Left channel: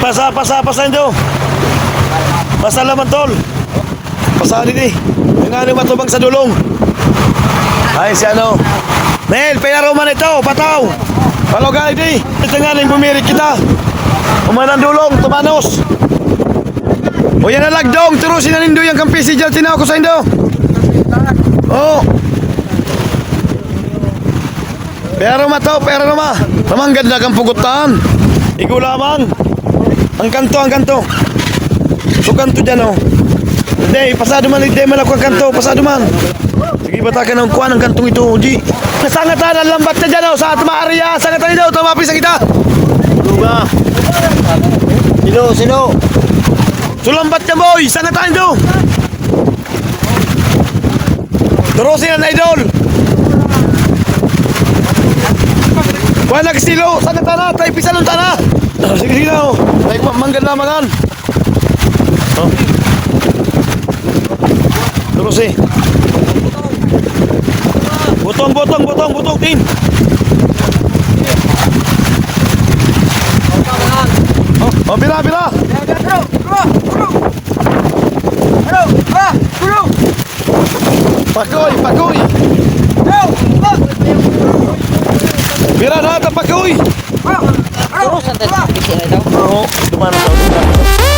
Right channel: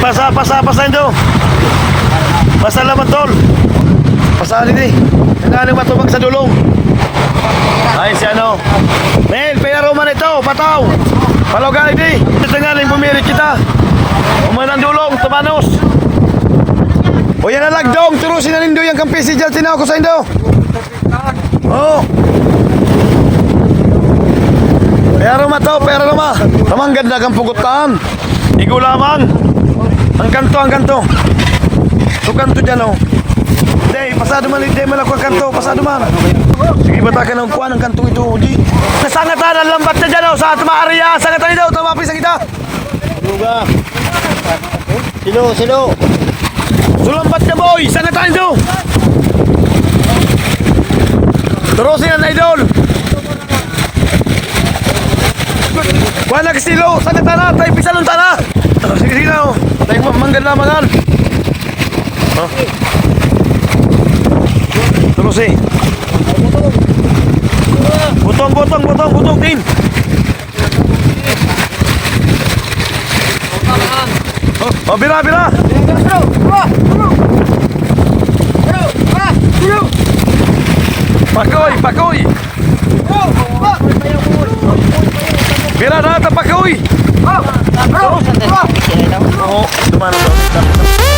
Pasa ito. Pasa laman tol. Pasa ini. Nga matubang sa dulong. Ay si ano. Mel, pinaro man ito, pataw. Palogay di. Ito nga rin bumirik kita. Umanang dulong, tumanos. O yan na lagdong, turusin na nindo yung kampisi dyan. Tinaw ko sa indo. Oo. Pero to, pero ma. Tamang ganda kang pugutan. Igulaman. Ang kanto. So kanto dyan o. Hindi, pasado man. Hindi man ako ang kanto, pasado man. Sige, batakan ng kuhan ang kantong ito, Uji. Nasangatan ang lambat na dyan o, sa Maria. Sangatan nito, tumapis ang kita. Duga. Sino? Sulambat niya, boy. Sangatan nito. Turusin ang idol. Kuha na kistilo, sangatan na, tayo pisalong tana. Sige na o, tayo manggad na mangan. Turusin. Butong, tin. Bira. Pakoy. Bira na, pakoy. Terus santai. Oh, dumana daw.